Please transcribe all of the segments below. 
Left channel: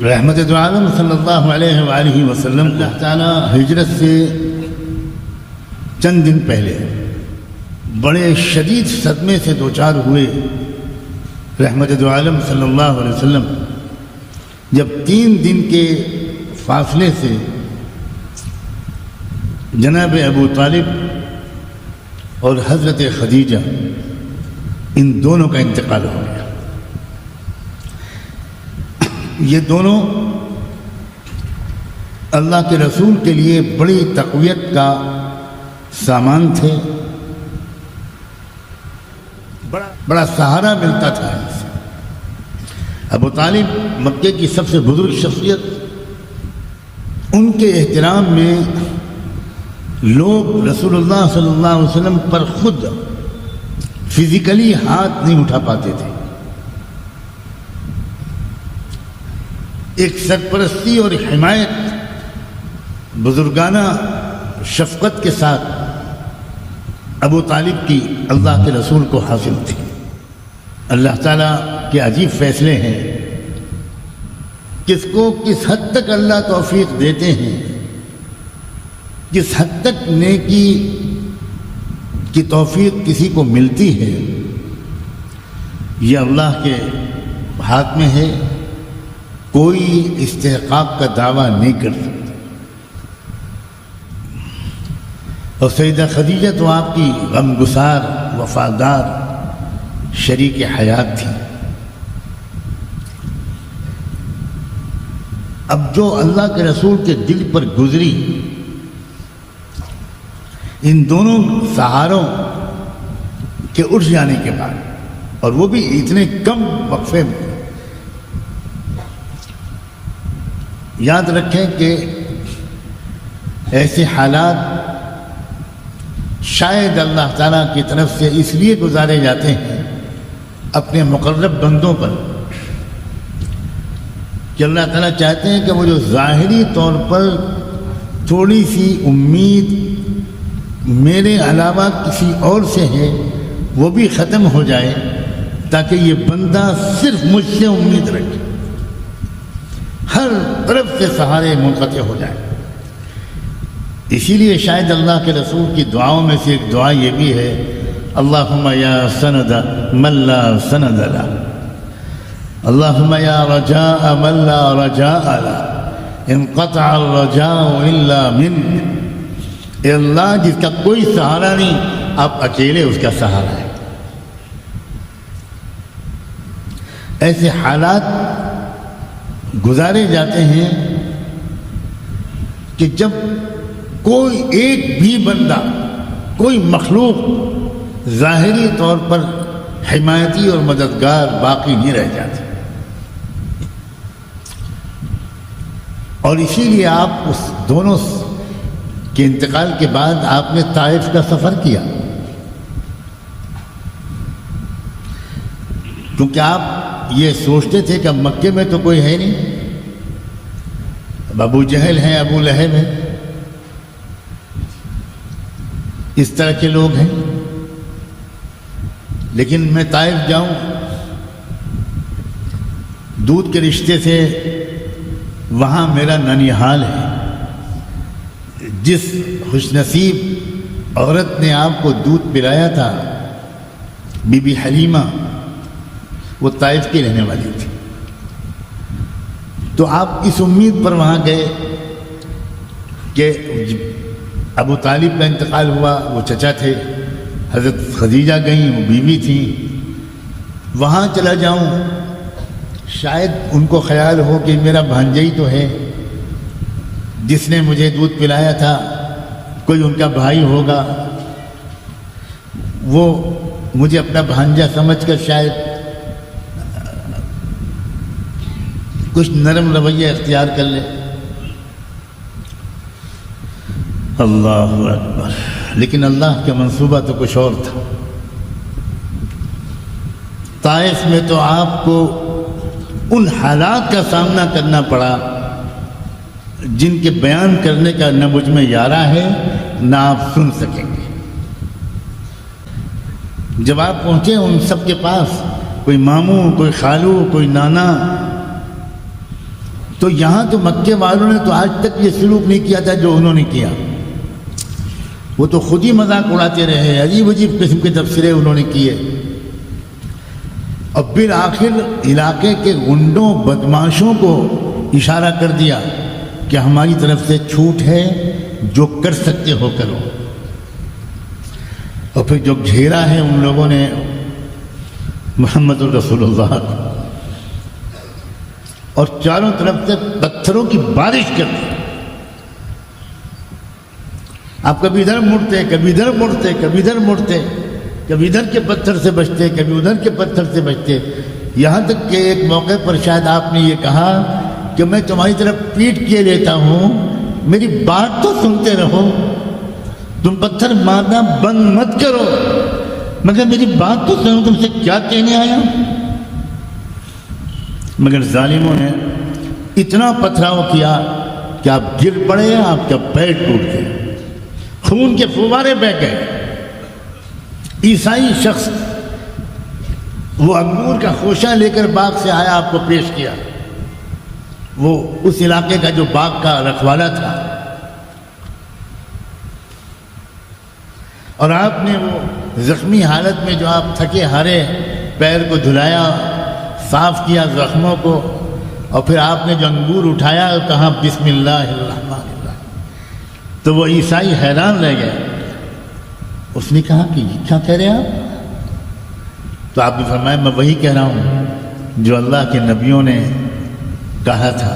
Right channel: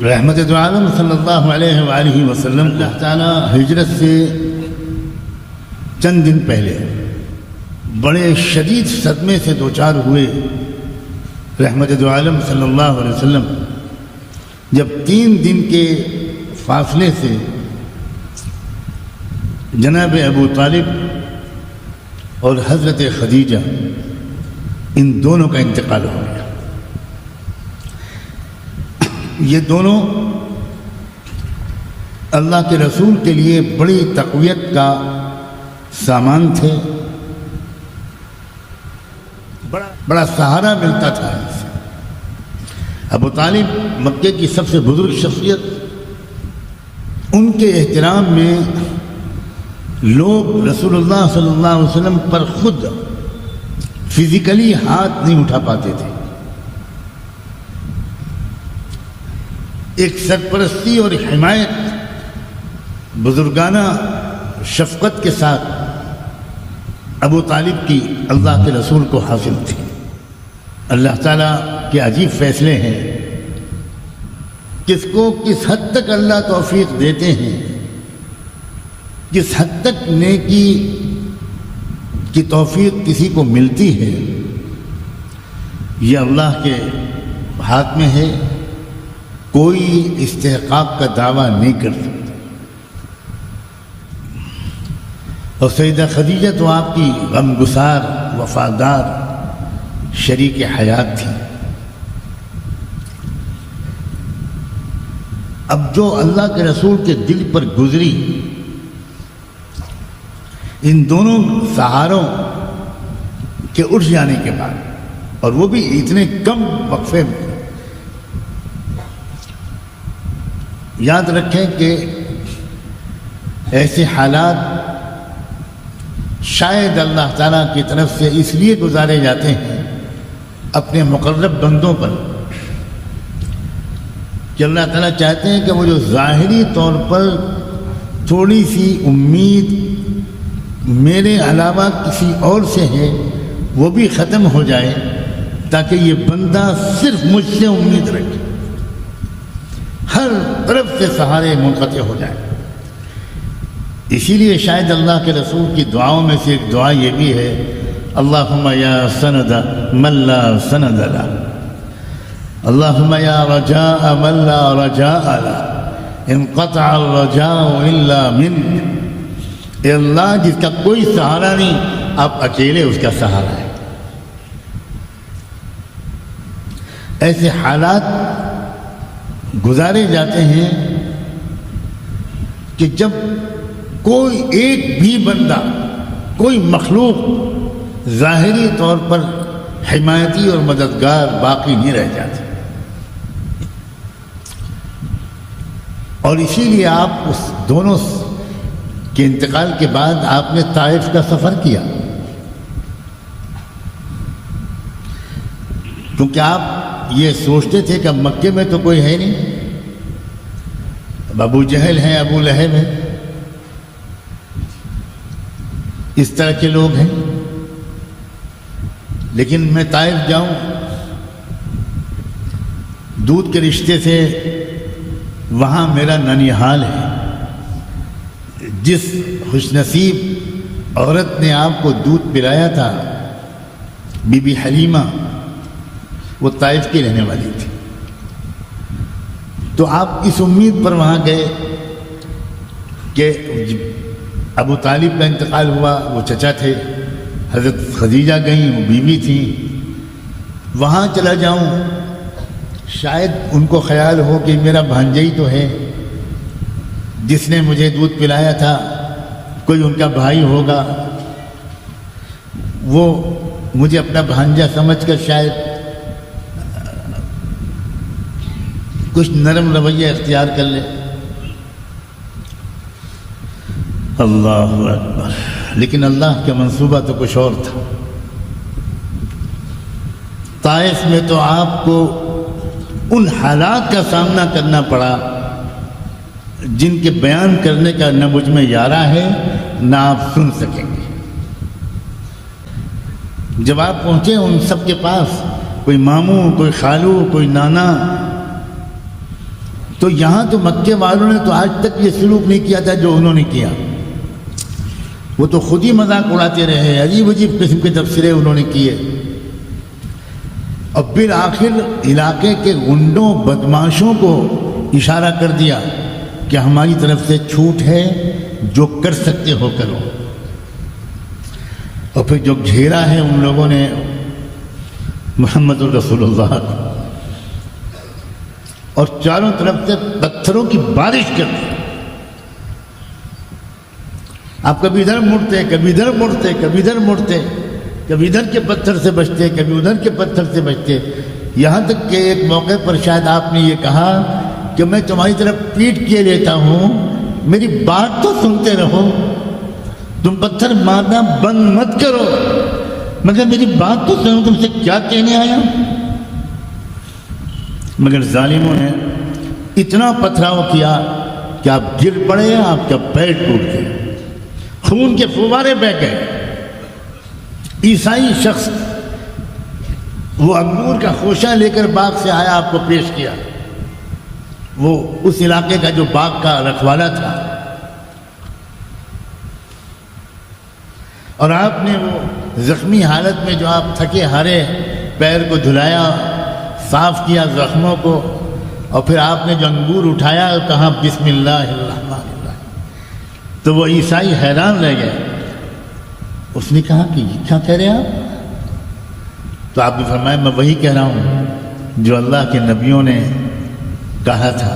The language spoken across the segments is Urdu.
رحمت دو عالم صلی اللہ علیہ وآلہ وسلم اللہ تعالیٰ ہجرت سے چند دن پہلے بڑے شدید صدمے سے دوچار ہوئے. رحمت دو عالم صلی اللہ علیہ وسلم جب 3 دن کے فاصلے سے جناب ابو طالب اور حضرت خدیجہ ان دونوں کا انتقال ہو گیا. یہ دونوں اللہ کے رسول کے لیے بڑی تقویت کا سامان تھے، بڑا سہارا ملتا تھا. ابو طالب مکے کی سب سے بزرگ شخصیت، ان کے احترام میں لوگ رسول اللہ صلی اللہ علیہ وسلم پر خود فزیکلی ہاتھ نہیں اٹھا پاتے تھے. ایک سرپرستی اور حمایت بزرگانہ شفقت کے ساتھ ابو طالب کی اللہ کے رسول کو حاصل تھی. اللہ تعالیٰ کے عجیب فیصلے ہیں، کس کو کس حد تک اللہ توفیق دیتے ہیں، کس حد تک نیکی کی توفیق کسی کو ملتی ہے، یہ اللہ کے ہاتھ میں ہے. کوئی استحقاق کا دعویٰ نہیں کر سکتا. اور سیدہ خدیجہ تو آپ کی غمگسار وفادار شریک حیات تھی. اب جو اللہ کے رسول کے دل پر گزری، ان دونوں سہاروں کے اٹھ جانے کے بعد، اور وہ بھی اتنے کم وقفے میں، یاد رکھیں کہ ایسے حالات شاید اللہ تعالیٰ کی طرف سے اس لیے گزارے جاتے ہیں اپنے مقرب بندوں پر کہ اللہ تعالیٰ چاہتے ہیں کہ وہ جو ظاہری طور پر تھوڑی سی امید میرے علاوہ کسی اور سے ہے وہ بھی ختم ہو جائے، تاکہ یہ بندہ صرف مجھ سے امید رکھے، ہر طرف سے سہارے منقطع ہو جائے. اسی لیے شاید اللہ کے رسول کی دعاؤں میں سے ایک دعا یہ بھی ہے، اللہم یا سند من لا سند لا، اللہم یا رجاء من لا رجاء لا، انقطع الرجاء الا منک. اے اللہ جس کا کوئی سہارا نہیں، آپ اکیلے اس کا سہارا ہے. ایسے حالات گزارے جاتے ہیں کہ جب کوئی ایک بھی بندہ، کوئی مخلوق ظاہری طور پر حمایتی اور مددگار باقی نہیں رہ جاتی. اور اسی لیے آپ اس دونوں کے انتقال کے بعد آپ نے طائف کا سفر کیا، کیونکہ آپ یہ سوچتے تھے کہ مکے میں تو کوئی ہے نہیں، اب ابو جہل ہے، ابو لہب ہے، اس طرح کے لوگ ہیں، لیکن میں طائف جاؤں، دودھ کے رشتے سے وہاں میرا ننیحال ہے. جس خوش نصیب عورت نے آپ کو دودھ پلایا تھا، بی بی حلیمہ، وہ طائف کی رہنے والی تھی. تو آپ اس امید پر وہاں گئے کہ ابو طالب کا انتقال ہوا، وہ چچا تھے، حضرت خدیجہ گئی، وہ بیوی تھی، وہاں چلا جاؤں، شاید ان کو خیال ہو کہ میرا بھانجا تو ہے جس نے مجھے دودھ پلایا تھا، کوئی ان کا بھائی ہوگا، وہ مجھے اپنا بھانجا سمجھ کر شاید کچھ نرم رویہ اختیار کر لے. اللہ اکبر. لیکن اللہ کا منصوبہ تو کچھ اور تھا. طائف میں تو آپ کو ان حالات کا سامنا کرنا پڑا جن کے بیان کرنے کا نہ مجھ میں یارہ ہے نہ آپ سن سکیں گے. جب آپ پہنچے ان سب کے پاس، کوئی ماموں، کوئی خالو، کوئی نانا، تو یہاں تو مکے والوں نے تو آج تک یہ سلوک نہیں کیا تھا جو انہوں نے کیا. وہ تو خود ہی مذاق اڑاتے رہے, عجیب عجیب قسم کے تبصرے انہوں نے کیے. اور بالآخر علاقے کے گنڈوں بدماشوں کو اشارہ کر دیا کہ ہماری طرف سے چھوٹ ہے, جو کر سکتے ہو کرو. اور پھر جو گھیرا ہے ان لوگوں نے محمد رسول اللہ, اور چاروں طرف سے پتھروں کی بارش کر دی. آپ کبھی ادھر مڑتے, کبھی ادھر مڑتے, کبھی ادھر مڑتے, کبھی ادھر کے پتھر سے بچتے, کبھی ادھر کے پتھر سے بچتے. یہاں تک کہ ایک موقع پر شاید آپ نے یہ کہا کہ میں تمہاری طرف پیٹ کیے لیتا ہوں, میری بات تو سنتے رہو, تم پتھر مارنا بند مت کرو, مگر میری بات تو سنو, تم سے کیا کہنے آیا. مگر ظالموں نے اتنا پتھراؤ کیا کہ آپ گر پڑے, آپ کا پیر ٹوٹ گیا, خون کے فوارے بہہ گئے. عیسائی شخص وہ انگور کا خوشہ لے کر باغ سے آیا, آپ کو پیش کیا. وہ اس علاقے کا جو باغ کا رکھوالا تھا, اور آپ نے وہ زخمی حالت میں جو آپ تھکے ہارے پیر کو دھلایا, صاف کیا زخموں کو, اور پھر آپ نے جو انگور اٹھایا کہا بسم اللہ الرحمن الرحیم, تو وہ عیسائی حیران رہ گئے. اس نے کہا کہ یہ کیا کہہ رہے آپ؟ تو آپ نے فرمایا میں وہی کہہ رہا ہوں جو اللہ کے نبیوں نے کہا تھا.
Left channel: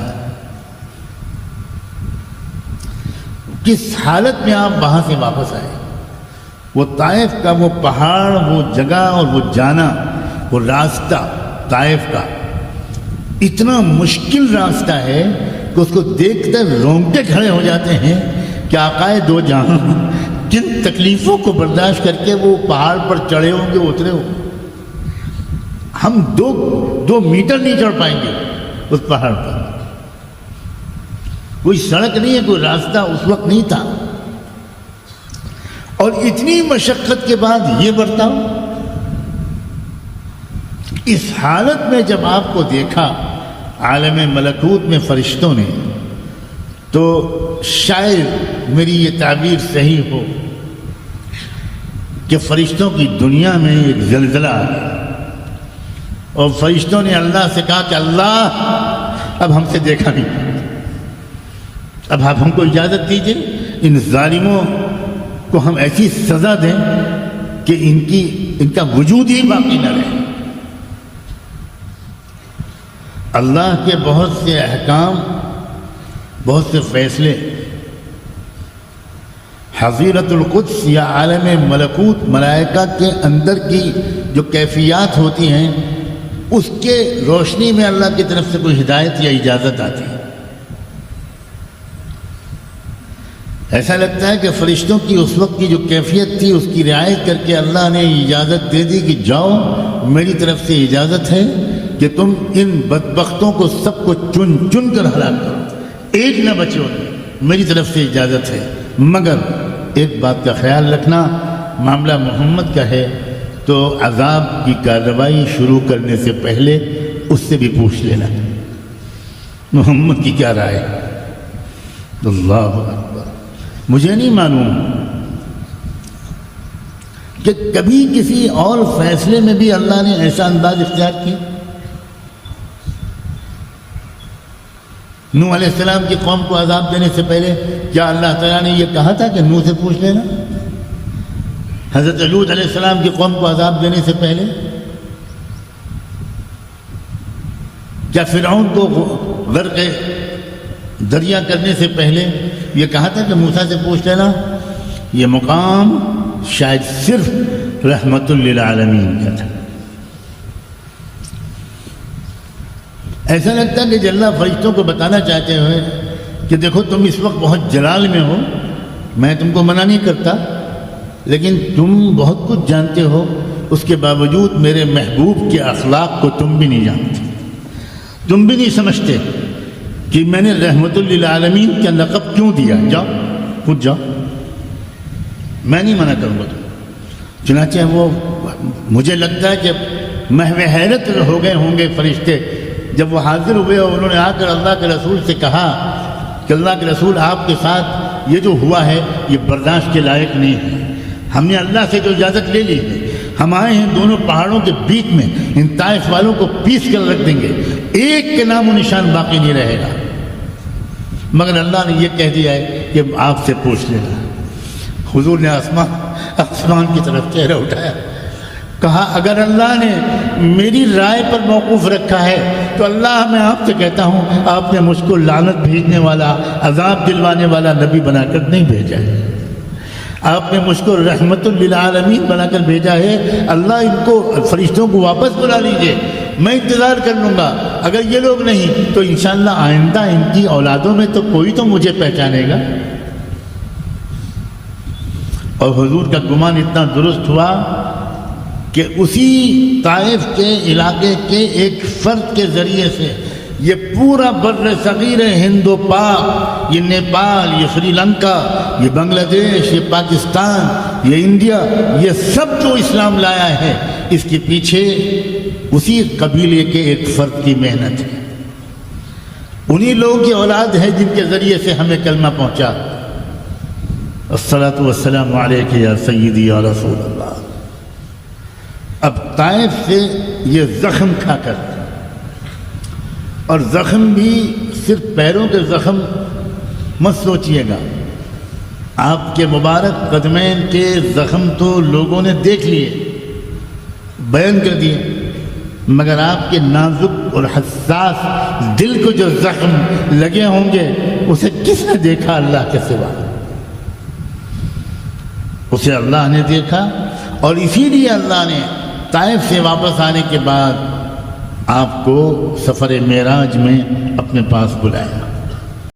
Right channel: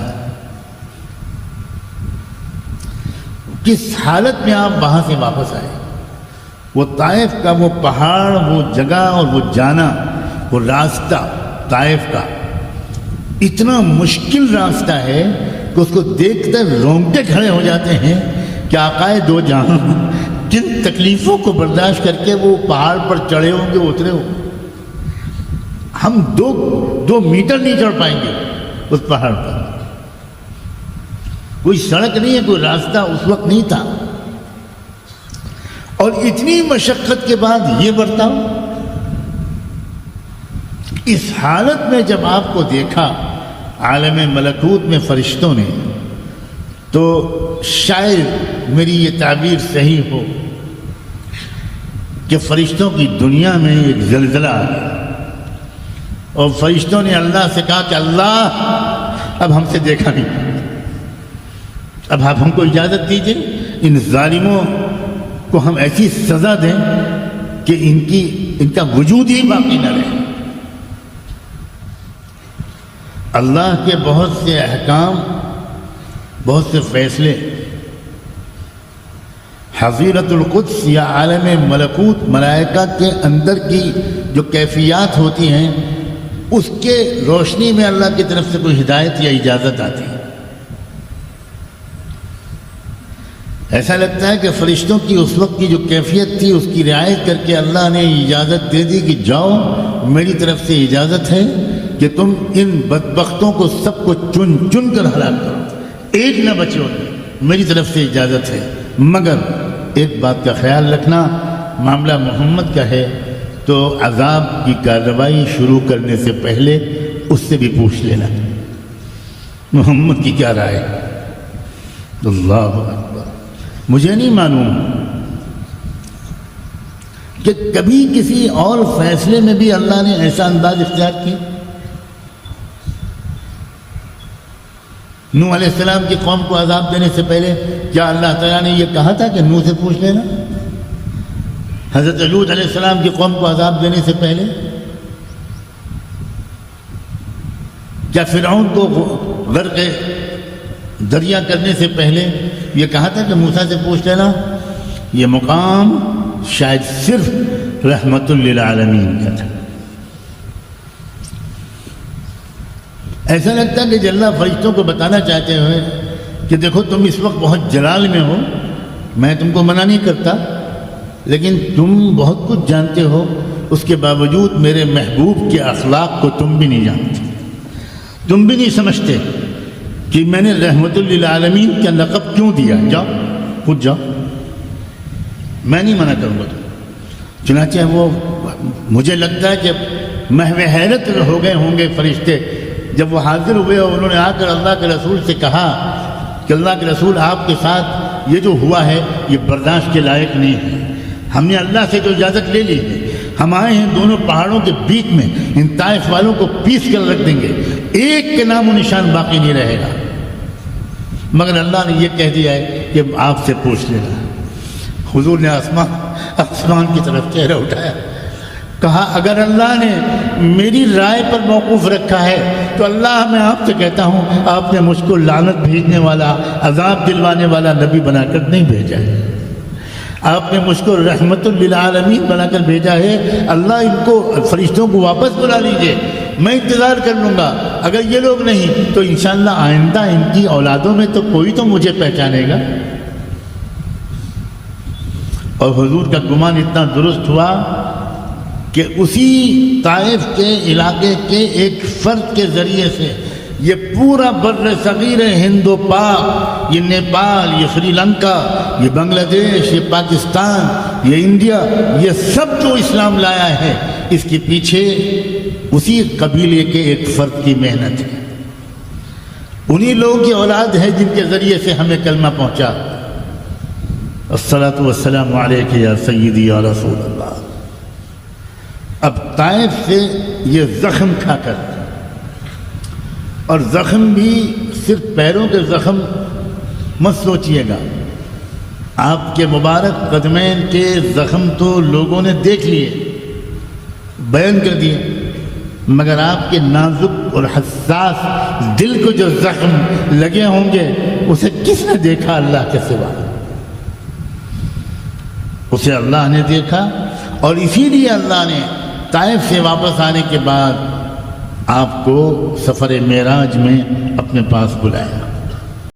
کس حالت میں آپ وہاں سے واپس آئے؟ وہ طائف کا وہ پہاڑ, وہ جگہ اور وہ جانا, وہ راستہ طائف کا اتنا مشکل راستہ ہے کہ اس کو دیکھ کر رونگٹے کھڑے ہو جاتے ہیں کہ آقائے دو جہاں جن تکلیفوں کو برداشت کر کے وہ پہاڑ پر چڑھے ہوں گے, اترے ہوں, ہم دو میٹر نہیں چڑھ پائیں گے اس پہاڑ پر. کوئی سڑک نہیں ہے, کوئی راستہ اس وقت نہیں تھا, اور اتنی مشقت کے بعد یہ برتاؤ. اس حالت میں جب آپ کو دیکھا عالم ملکوت میں فرشتوں نے, تو شاید میری یہ تعبیر صحیح ہو کہ فرشتوں کی دنیا میں ایک زلزلہ آیا, اور فرشتوں نے اللہ سے کہا کہ اللہ اب ہم سے دیکھا نہیں, اب آپ ہم کو اجازت دیجیے, ان ظالموں کو ہم ایسی سزا دیں کہ ان کا وجود ہی باقی نہ رہے. اللہ کے بہت سے احکام, بہت سے فیصلے حضیرت القدس یا عالم ملکوت ملائکہ کے اندر کی جو کیفیات ہوتی ہیں اس کے روشنی میں اللہ کی طرف سے کوئی ہدایت یا اجازت آتی ہے. ایسا لگتا ہے کہ فرشتوں کی اس وقت کی جو کیفیت تھی اس کی رعایت کر کے اللہ نے اجازت دے دی کہ جاؤ, میری طرف سے اجازت ہے کہ تم ان بدبختوں کو سب کو چن چن کر ہلاک کرو, ایک نہ بچے ہو, میری طرف سے اجازت ہے. مگر ایک بات کا خیال رکھنا, معاملہ محمد کا ہے تو عذاب کی کارروائی شروع کرنے سے پہلے اس سے بھی پوچھ لینا محمد کی کیا رائے ہے. اللہ اکبر. مجھے نہیں معلوم کہ کبھی کسی اور فیصلے میں بھی اللہ نے ایسا انداز اختیار کیا. نوح علیہ السلام کی قوم کو عذاب دینے سے پہلے کیا اللہ تعالیٰ نے یہ کہا تھا کہ نوح سے پوچھ لینا؟ حضرت لوط علیہ السلام کی قوم کو عذاب دینے سے پہلے کیا فرعون کو غرق دریا کرنے سے پہلے یہ کہا تھا کہ موسیٰ سے پوچھ لینا؟ یہ مقام شاید صرف رحمت للعالمین کا تھا. ایسا لگتا ہے کہ اللہ فرشتوں کو بتانا چاہتے ہوئے کہ دیکھو تم اس وقت بہت جلال میں ہو, میں تم کو منع نہیں کرتا, لیکن تم بہت کچھ جانتے ہو, اس کے باوجود میرے محبوب کے اخلاق کو تم بھی نہیں جانتے, تم بھی نہیں سمجھتے کہ میں نے رحمت للعالمین کا لقب کیوں دیا. جاؤ خود جاؤ, میں نہیں منع کروں گا. چنانچہ وہ مجھے لگتا ہے کہ محو حیرت ہو گئے ہوں گے فرشتے جب وہ حاضر ہوئے اور انہوں نے آ کر اللہ کے رسول سے کہا کہ اللہ کے رسول آپ کے ساتھ یہ جو ہوا ہے یہ برداشت کے لائق نہیں ہے، ہم نے اللہ سے جو اجازت لے لی ہے، ہم آئے ہیں دونوں پہاڑوں کے بیچ میں، ان طائف والوں کو پیس کر رکھ دیں گے، ایک کے نام و نشان باقی نہیں رہے گا، مگر اللہ نے یہ کہہ دیا ہے کہ آپ سے پوچھ لینا۔ حضور نے آسمان کی طرف چہرہ اٹھایا، کہا اگر اللہ نے میری رائے پر موقوف رکھا ہے تو اللہ میں آپ سے کہتا ہوں آپ نے مجھ کو لعنت بھیجنے والا، عذاب دلوانے والا نبی بنا کر نہیں بھیجا ہے، آپ نے مجھ کو رحمت للعالمین بنا کر بھیجا ہے۔ اللہ ان کو فرشتوں کو واپس بلا لیجئے، میں انتظار کر لوں گا، اگر یہ لوگ نہیں تو انشاءاللہ آئندہ ان کی اولادوں میں تو کوئی تو مجھے پہچانے گا۔ اور حضور کا گمان اتنا درست ہوا کہ اسی طائف کے علاقے کے ایک فرد کے ذریعے سے یہ پورا بر صغیر ہند و پاک، یہ نیپال، یہ سری لنکا، یہ بنگلہ دیش، یہ پاکستان، یہ انڈیا، یہ سب جو اسلام لایا ہے اس کے پیچھے اسی قبیلے کے ایک فرد کی محنت ہے، انہی لوگوں کی اولاد ہے جن کے ذریعے سے ہمیں کلمہ پہنچا۔ الصلاۃ والسلام علیک یا سیدی یا رسول اللہ۔ اب طائف سے یہ زخم کھا کر، اور زخم بھی صرف پیروں کے زخم مت سوچیے گا، آپ کے مبارک قدمین کے زخم تو لوگوں نے دیکھ لیے، بیان کر دیے، مگر آپ کے نازک اور حساس دل کو جو زخم لگے ہوں گے اسے کس نے دیکھا اللہ کے سوا؟ اسے اللہ نے دیکھا، اور اسی لیے اللہ نے طائف سے واپس آنے کے بعد آپ کو سفر معراج میں اپنے پاس بلایا۔